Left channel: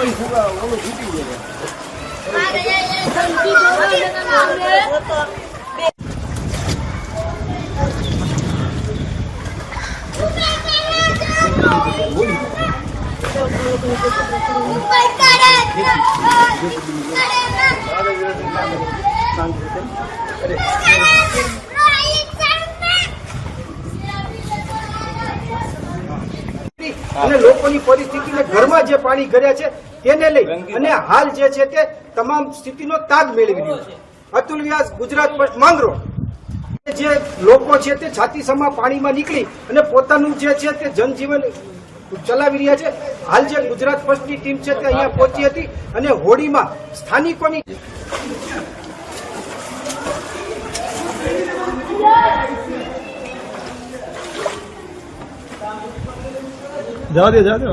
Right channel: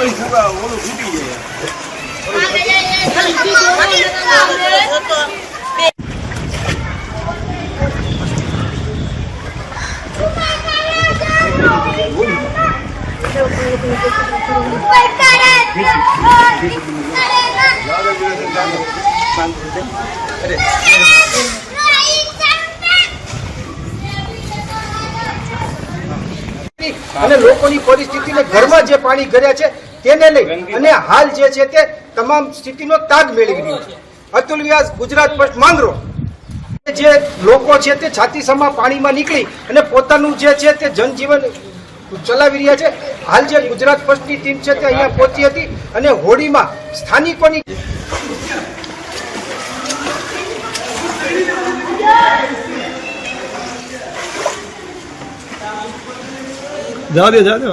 પછી ઓલું તૂટી જાય. અને લોકોની પરિસ્થિતિને ઘરમાં જે પાણી કર્યા છે તેને લઈ અને હાલ જે છે તે તમામ સ્થિતિનો તાગ મેળવી રહ્યું છે. અતુલ વ્યાસ, ગુજરાત ફર્સ્ટ, માંગરોળ. જે લોકો છે તે છાતીસમાં પાણીમાં નીકળી અને પોતાનું જે છે તે જનજીવન ચલાવી રહ્યા છે. હાલ જે ગુજરાત ફર્સ્ટની ટીમ છે તે અહીંયા પહોંચી હતી અને હોડીમાં સ્થાનિકોની જવા દે જવા દે.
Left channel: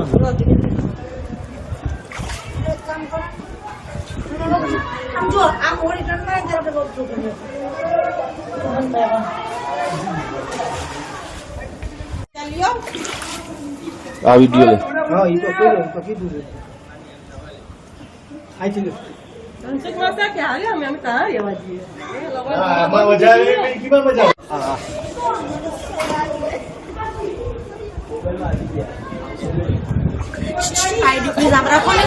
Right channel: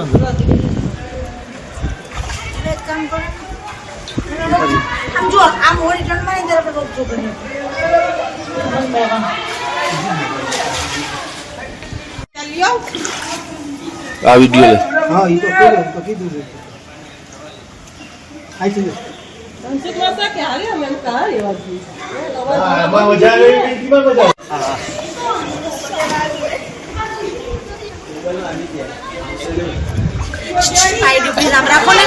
આમ જો આમ હોળી ટર્નમાં ને આપણે રોક કરીએ. આ વિડિયો લે. હા એ તો કીધું છે. આઈ થી સંસ્કૃત કે હારે અમે કहा એવા છીએ. મજા આવે કે મજા આઈડી પ્લીઝ આમ રાખો ને.